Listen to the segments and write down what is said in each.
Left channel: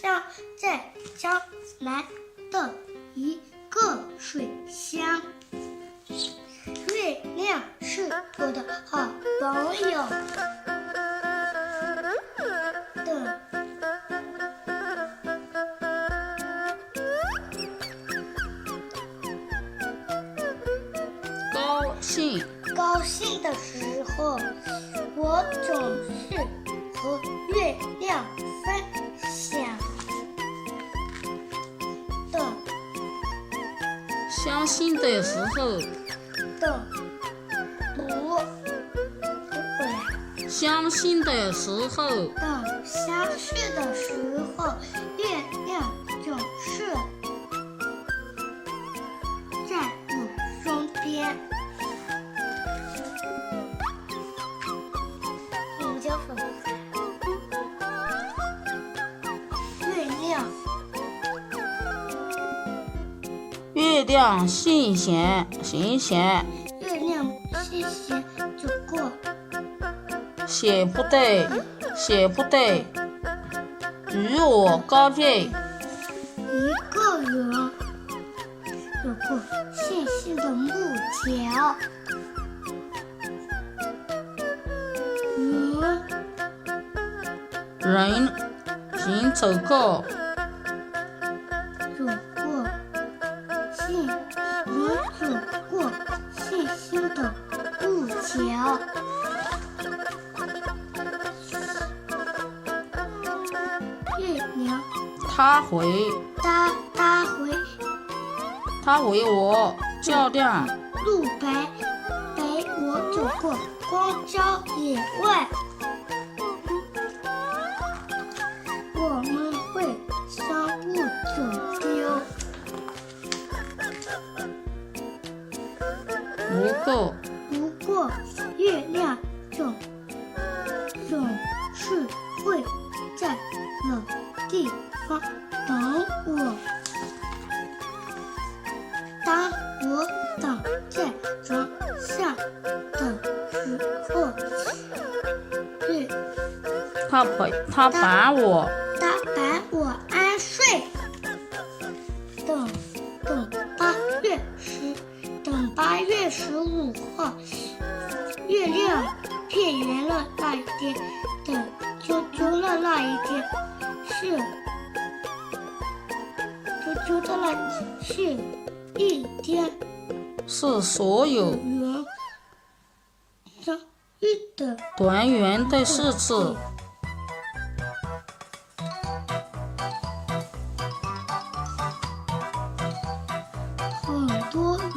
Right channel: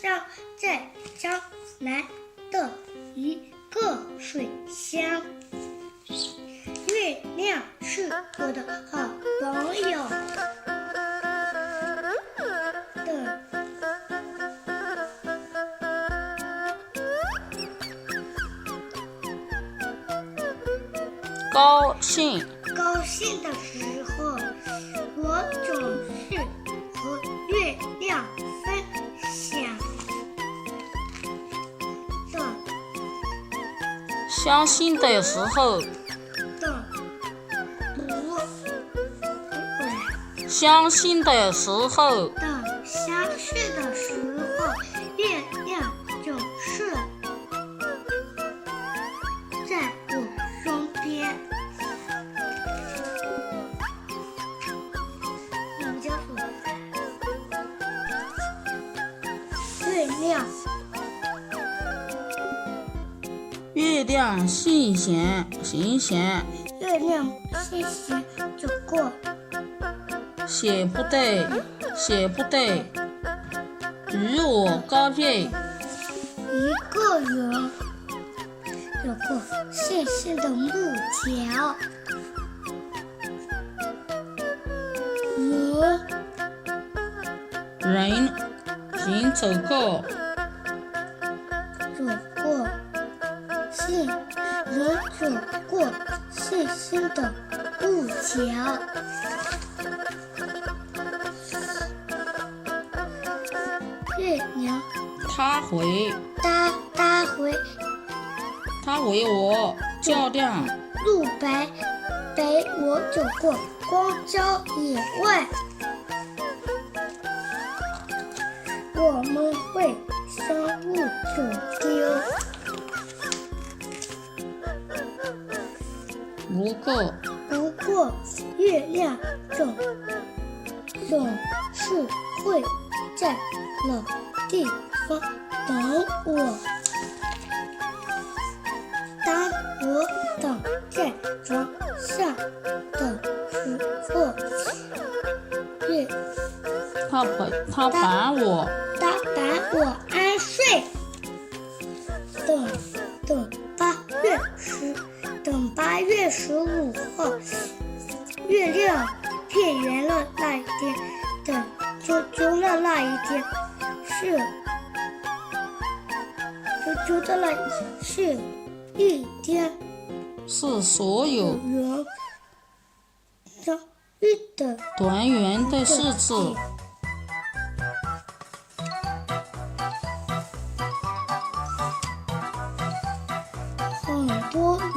上，在江南的一个水乡。月亮是我的好朋友。高兴的时候，我总是和月亮分享的。伤心的时候，相识的时候，月亮总是在我身边。月亮星星，月亮星星走过。写不对，与我告别。一个人有个细细的木桥，人走过细细的木桥。月亮他为我照亮路陪我走过荒郊野外。我们会相互走丢，不过月亮总是会在冷地方等我。当我等在床上的时候，他把我安睡。等8月15号，月亮变圆了那一天，等足足的那一天是一天，是所有人相遇的团圆的日子。很多人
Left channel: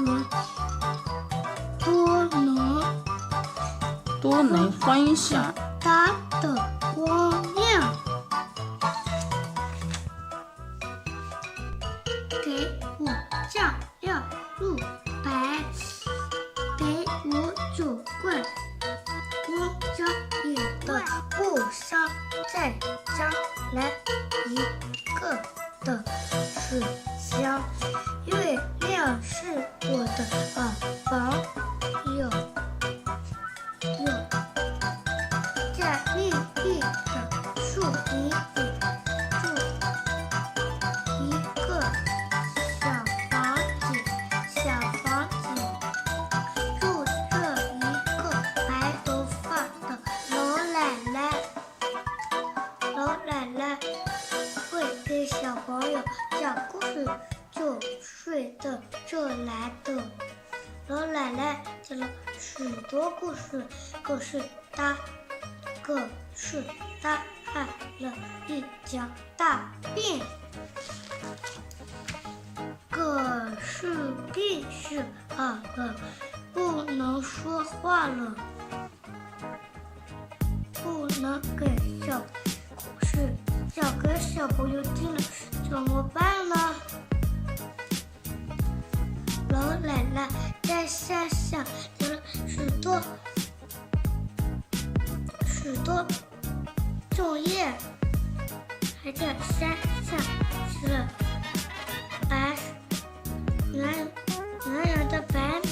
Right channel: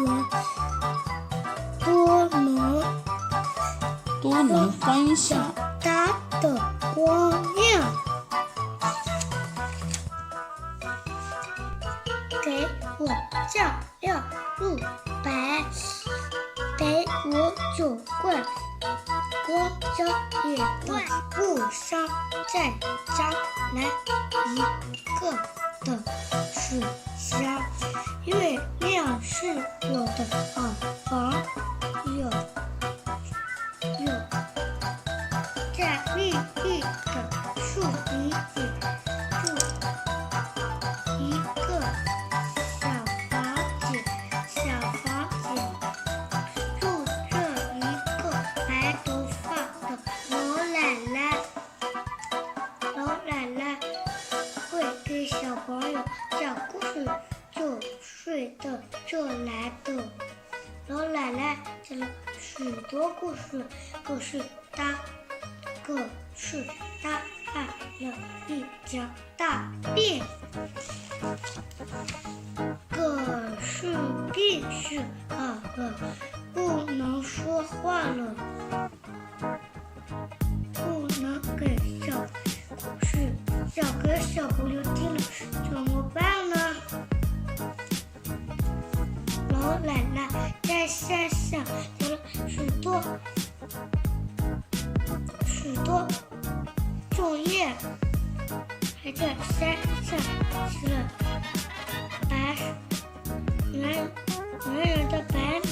都能分享它的光亮，给我照亮路，陪我走过荒郊野外路上，在江南一个的水乡。月亮是我的好朋友，在绿绿的树林里住一个小房子，住着一个白头发的老奶奶会给小朋友讲故事，就睡得这来的。老奶奶讲了许多故事，可是她害了一场大病，病是好了，不能说话了，不能给小朋友听了，怎么办呢？老奶奶在山上留了许多种叶，还在山上吃了圆的白米。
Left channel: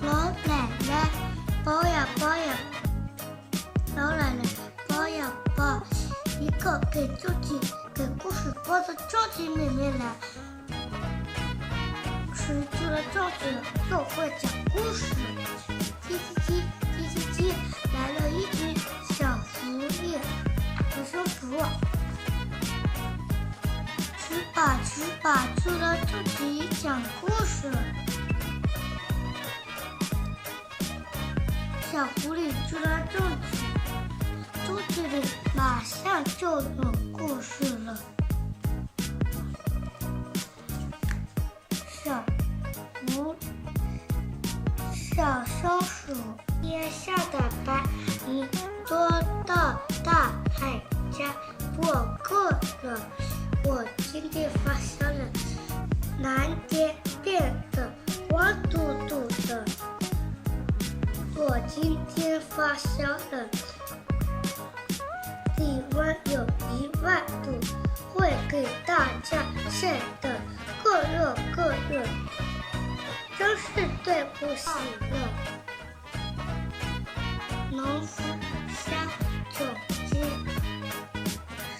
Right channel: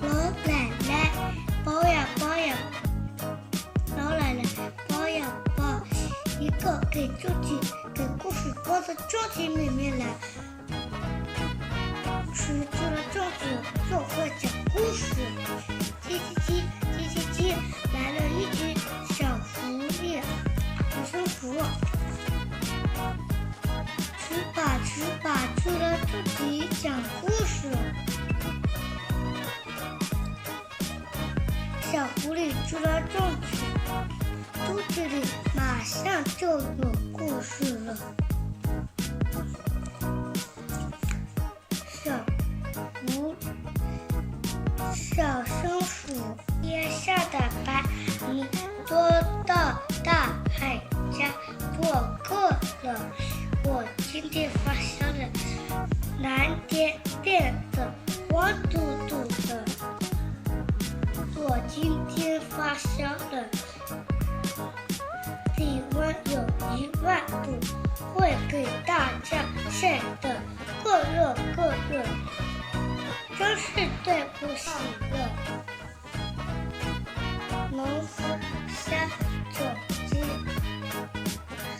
老奶奶包呀包呀，老奶奶给故事播到周记里面来。吃住了粽子，就会讲故事。叽叽叽，叽叽叽，来了一只小狐狸，很舒服。吃吧，住了自己讲故事。小狐狸住了粽子，肚子里马上就有故事了。小松鼠天上的白云多到大海家，我饿了，我今天发烧了，蓝点点的，黄嘟嘟的，我今天发烧了，体温有10000度，会给大家晒得个热个热，真是对不起了。农夫下种子，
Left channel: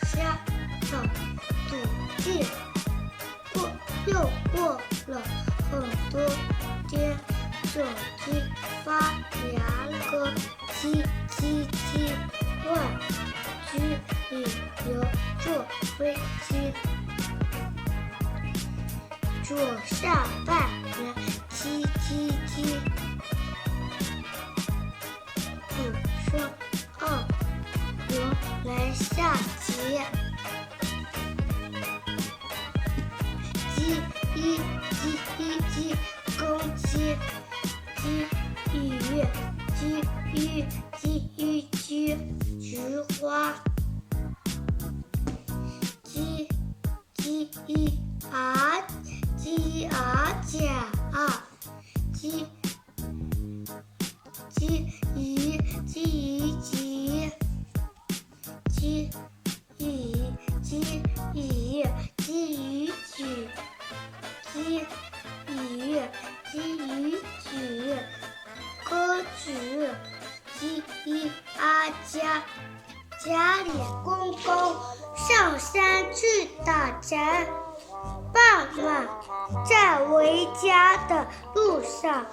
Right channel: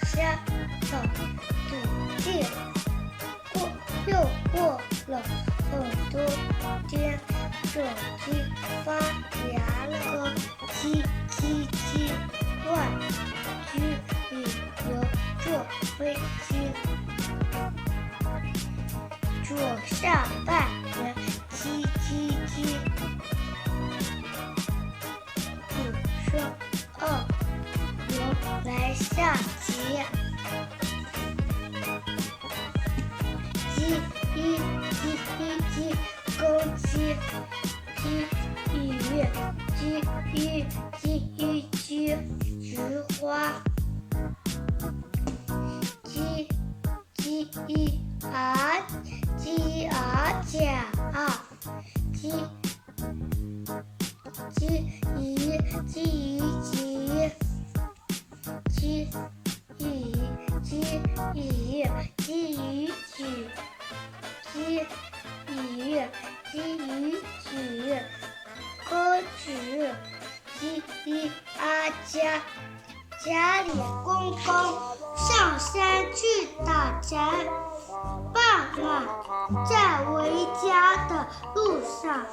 下场土地，过了很多天，种子发芽了，叽叽叽，外去旅游坐飞机，坐下半人叽叽叽，主声2来下节，鸡公鸡，鸡菊花，鸡甲，鸽子，家里公公上山去打柴，傍晚在回家的路上，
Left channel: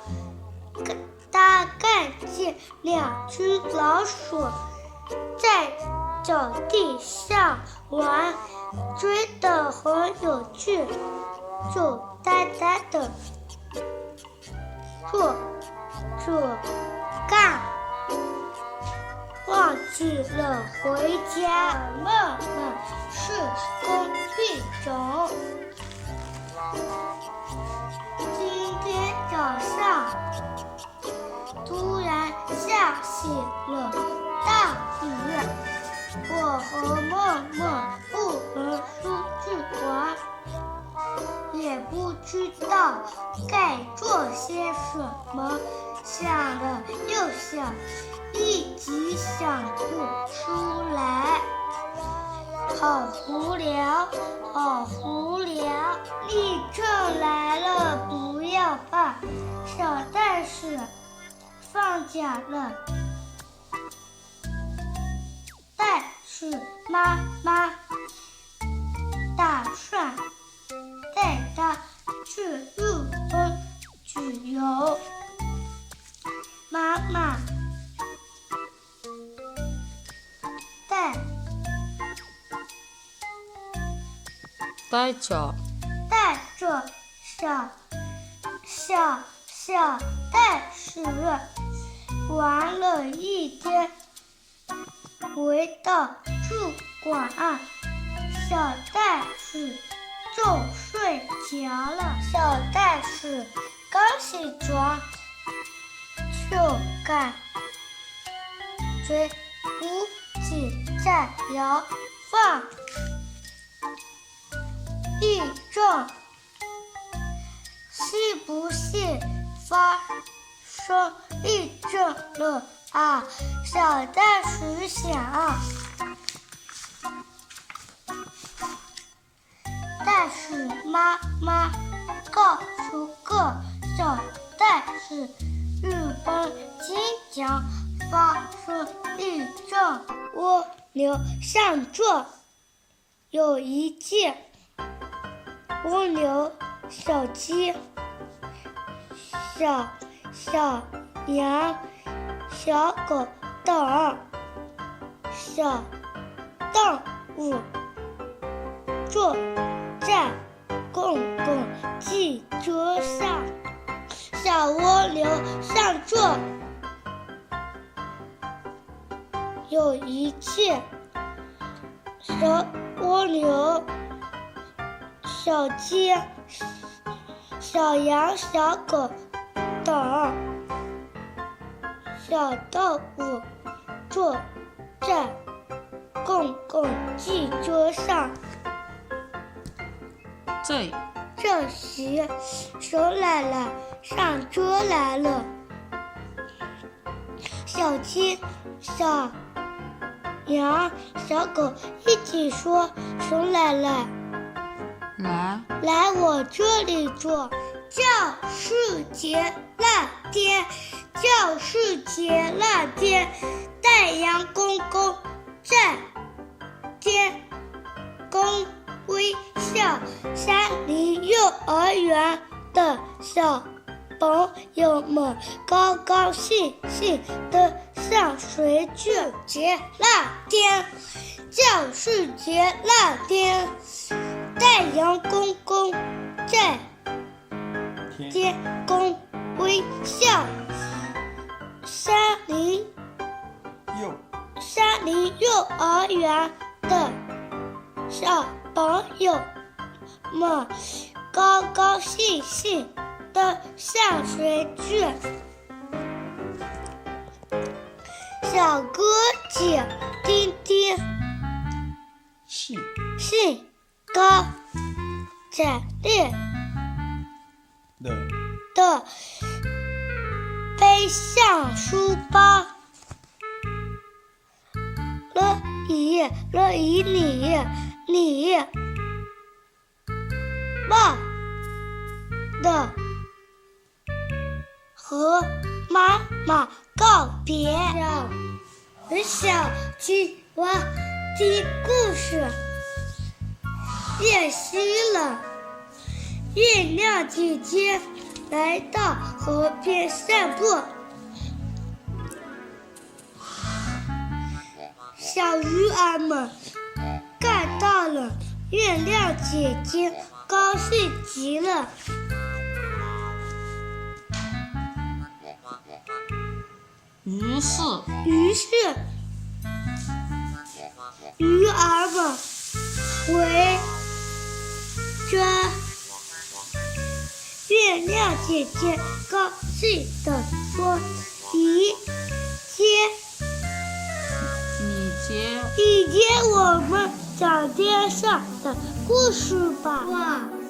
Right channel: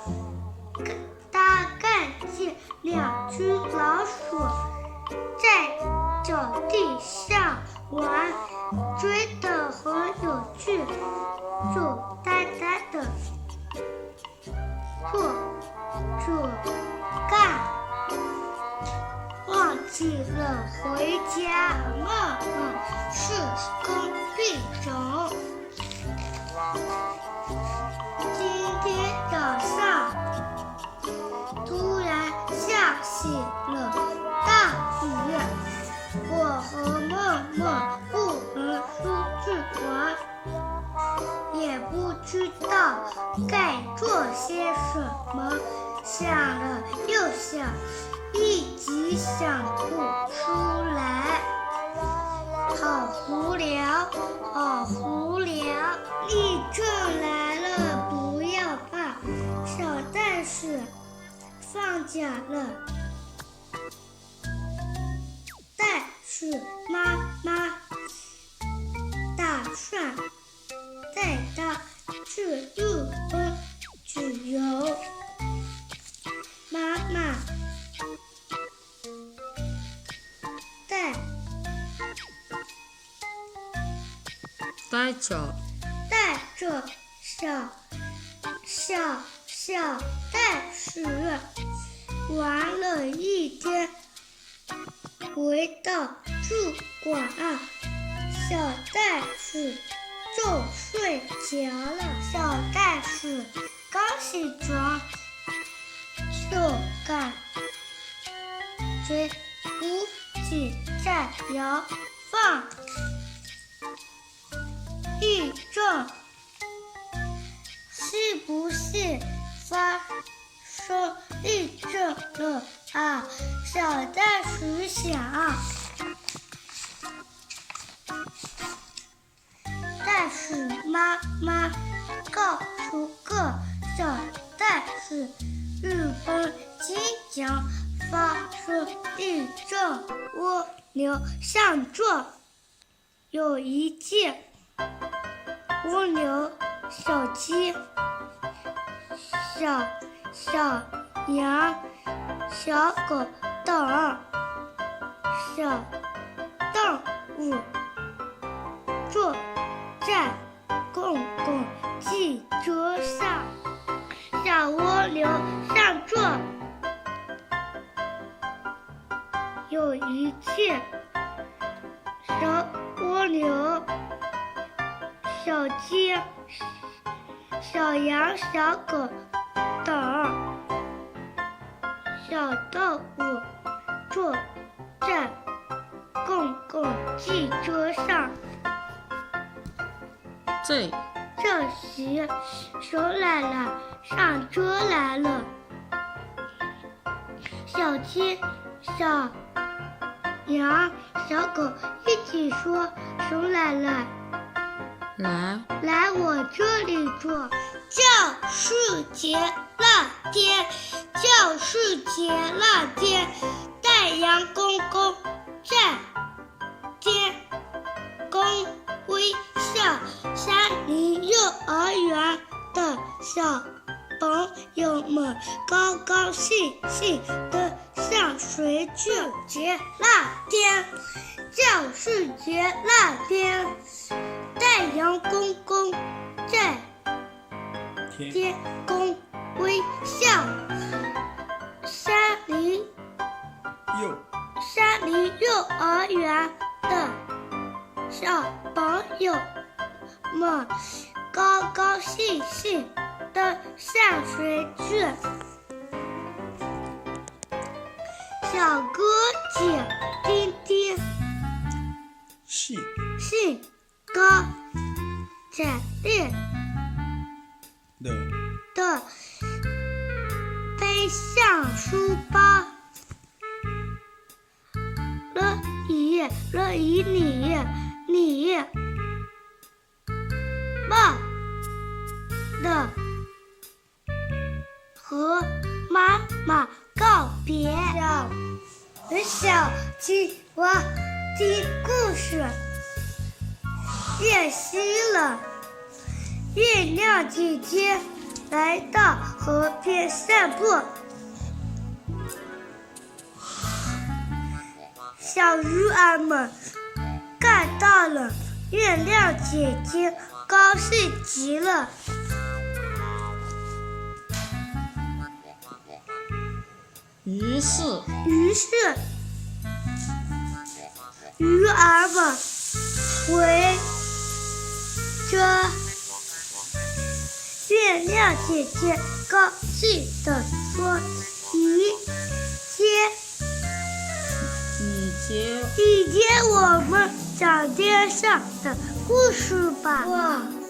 他看见2只老鼠在草地上玩，追得很有趣，就呆呆的坐干，忘记了回家。梦是工具种。今天早上突然下起了大雨，我和梦不能出去玩，也不知道该做些什么，想了又想，一直想不出来，好无聊。地震来了，不要怕，小袋鼠放假了，袋鼠妈妈打算带它去日本旅游。妈妈带着小袋鼠玩了一天，回到住馆，小袋鼠就睡着了。小袋鼠刚起床，就感觉屋脊在摇晃，地震是不是发生地震了啊？小袋鼠想。袋鼠妈妈告诉个小袋鼠，日本经常发生地震，蜗牛上座。有一只蜗牛、小鸡、小羊、小狗等小动物坐在公共汽车上。小蜗牛上座，有一只小蜗牛、小鸡、小羊、小狗等小动物坐在公共汽车上。这时，熊奶奶上车来了。小鸡、小羊、小狗一起说：“熊奶奶，来我这里坐。教师节那天，教师节那天，太阳公公在天空微笑。山林幼儿园的小朋友们高高兴兴地向水煮节那天，教师节那天，太阳公公在天空微笑。山林幼儿园的小朋友们高高兴兴地上水去。小哥姐丁丁兴高采烈的背上书包，了以你抱的和妈妈告别。小鸡我听故事练习了。月亮姐姐来到河边散步，小鱼儿们看到了月亮姐姐，高兴极了。于是鱼儿们围着月亮姐姐高兴地说：“你接我们讲天上的故事吧。”我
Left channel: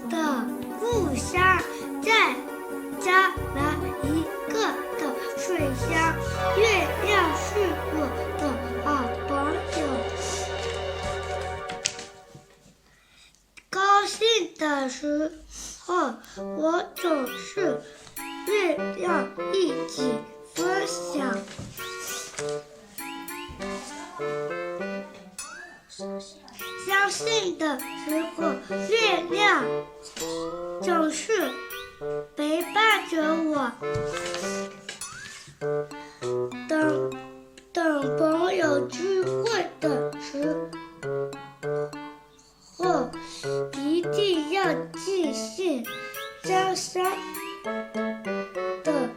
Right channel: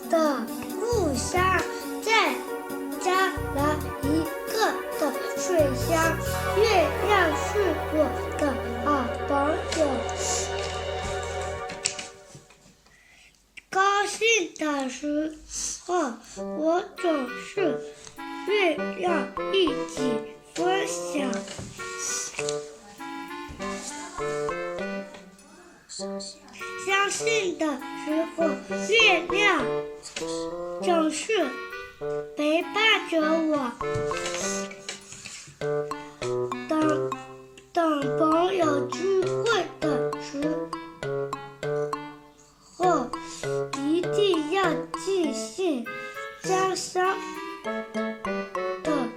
的故乡在江南一个的水乡，月亮是我的好朋友。高兴的时候，我总是月亮一起分享。伤心的时候，月亮总是陪伴着我。等朋友聚会的时候，一定要记性家乡的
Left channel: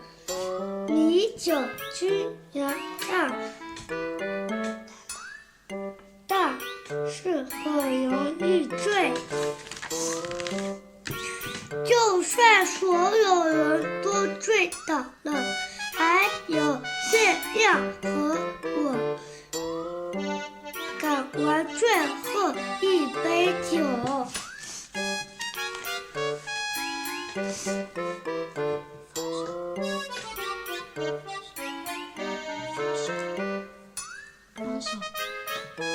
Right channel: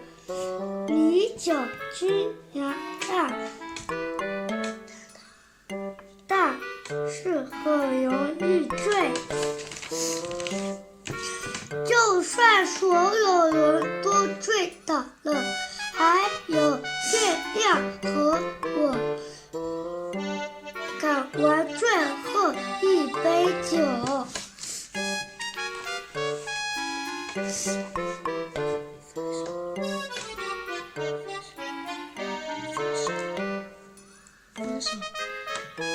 米酒君羊让，但是很容易醉。就算所有人都醉倒了，还有月亮和我赶完最后一杯酒。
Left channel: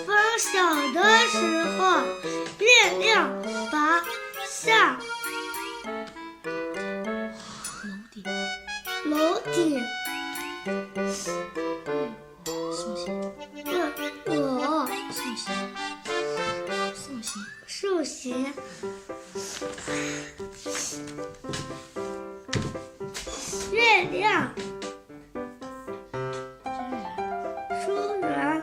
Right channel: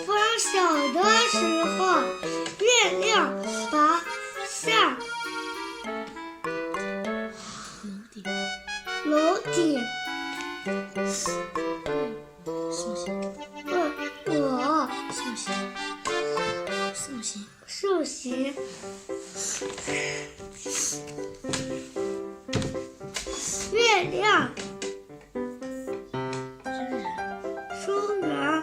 分手的时候，月亮爬上楼顶，问我月亮。书人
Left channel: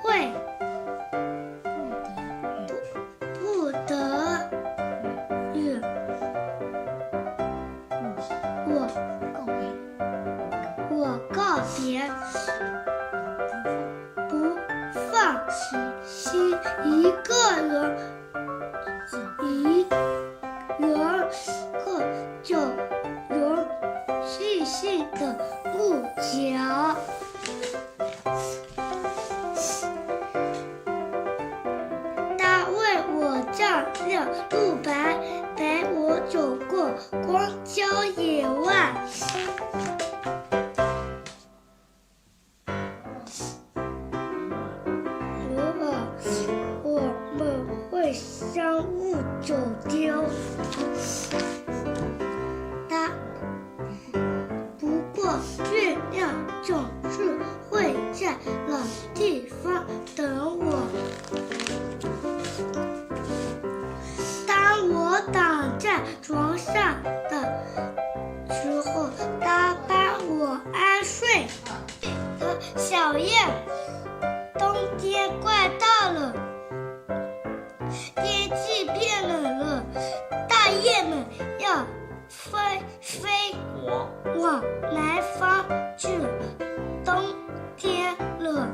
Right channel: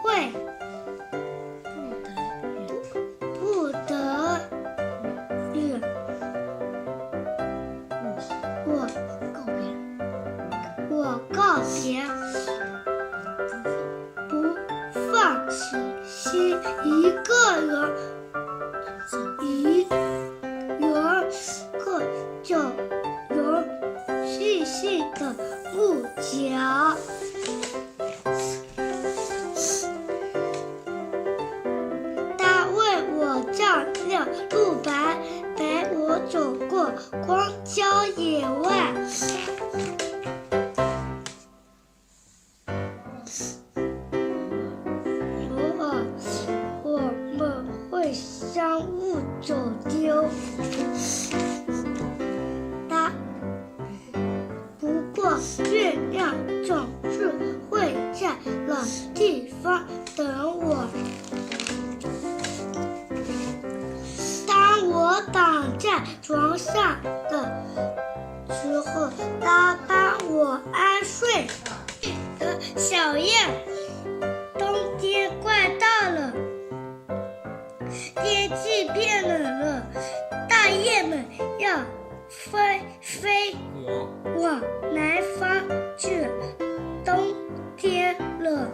会不得与我告别，不放弃一个人个就有细细的木脚。他为我照亮路白，陪我走过荒郊野外。我们会相互走丢。不过月亮总是会在老地方等我。当我躺在床上的时候，他帮我安睡。小燕，冬天快到了，天气变冷了，大雁们要飞往南方去。冬天了，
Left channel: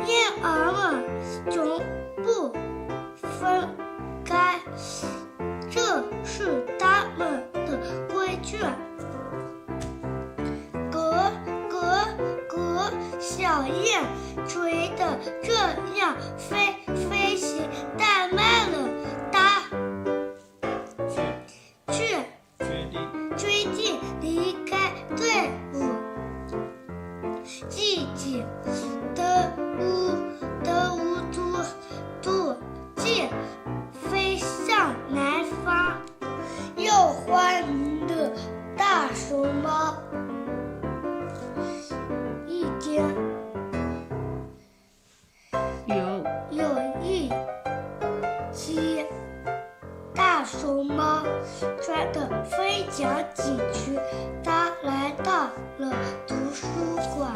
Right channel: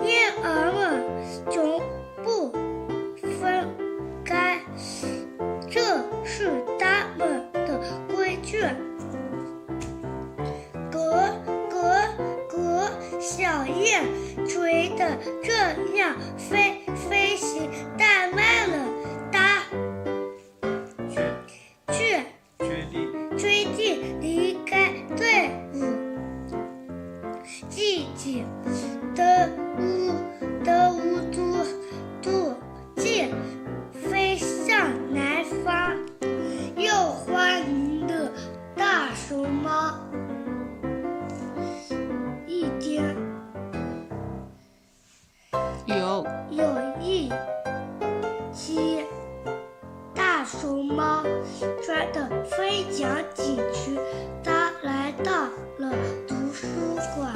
燕儿们总不分开，这是它们的规矩。小燕追得这样飞行太慢了，它却决定离开队伍，自己的无途径飞向南方。又欢迎的大熊猫。一天，有一只大熊猫穿得非常紧曲，它来到了图书馆。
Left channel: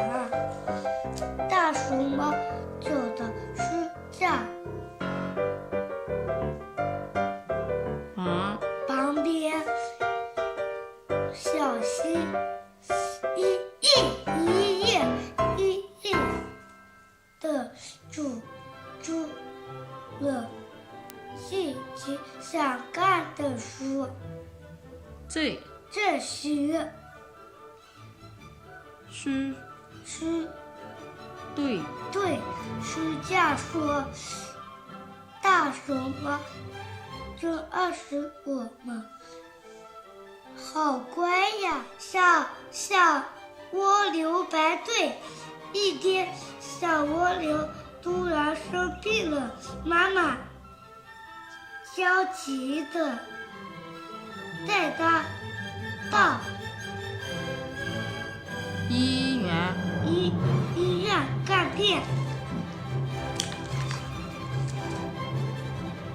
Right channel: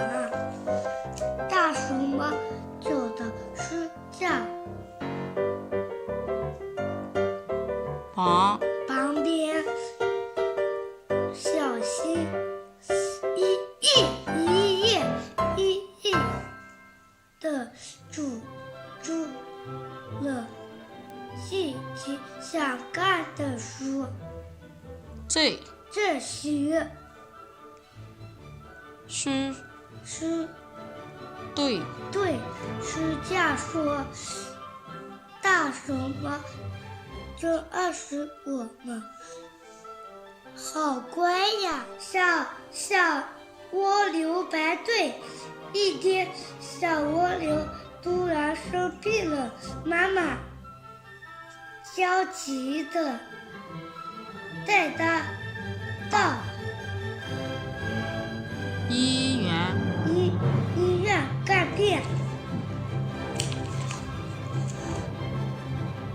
大熊猫走的是在旁边，小溪一页的数了自己想看的书。这时，对书架说：“大熊猫，这20我们好乖呀！”小蜗牛排队。一天，小蜗牛突然生病了，妈妈焦急地带它到医院看病。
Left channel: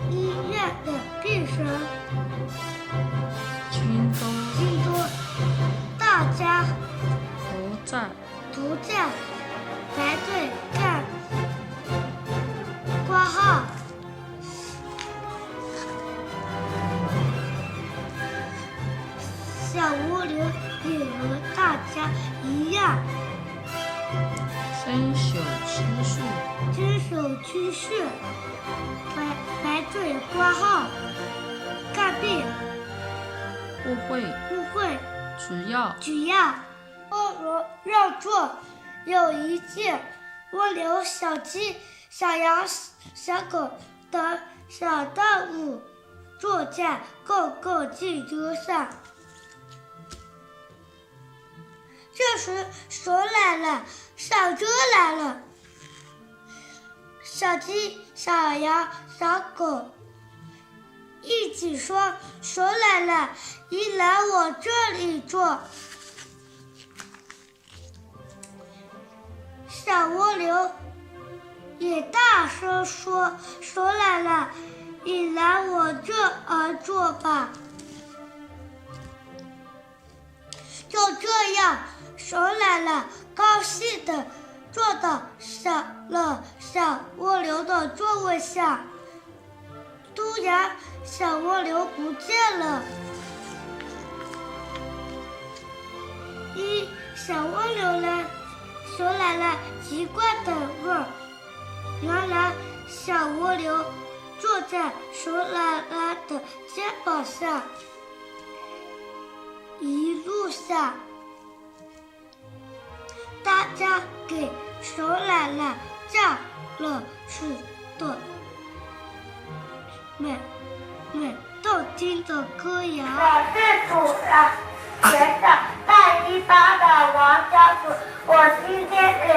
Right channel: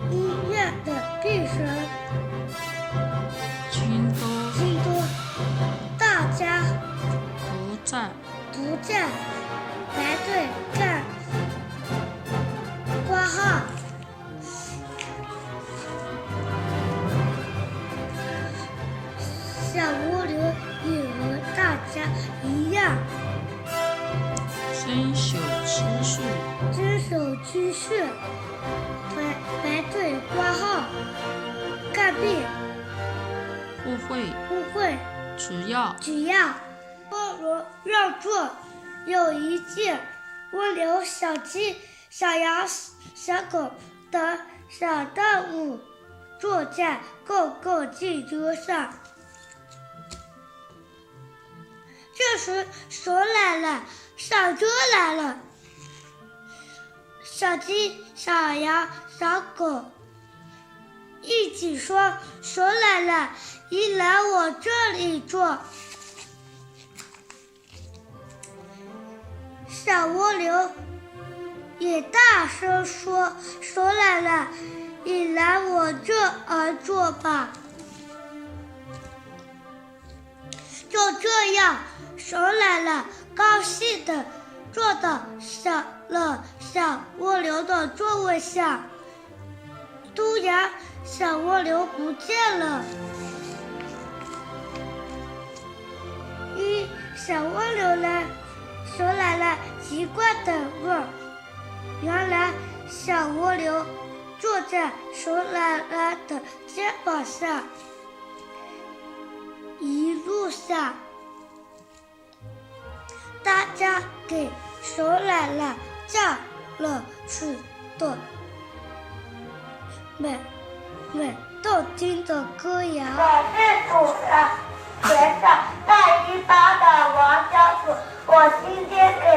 医院的病人群多，大家不在排队看挂号。小蜗牛也和大家一样，遵守秩序，排队挂号看病。不会，只要温柔让座。有一件蜗牛、小鸡、小羊、小狗等小动物坐在公共汽车上。这时熊来了，小猪来了，小鸡、小羊、小狗一起说：“熊来了，你来我这里坐。”小蜗牛也大声说：“熊来了，你来我这儿坐吧。”这样，熊奶奶高兴地坐到小蜗牛的座位上。突然，小蜗牛不见了。小蜗牛呢？熊奶奶奇怪地问。原来，小蜗牛坐在熊奶奶的肩膀上，一路上，大家给熊奶奶唱了许多美动听的歌谣。我是主人，学校带一把的王家子，我今天给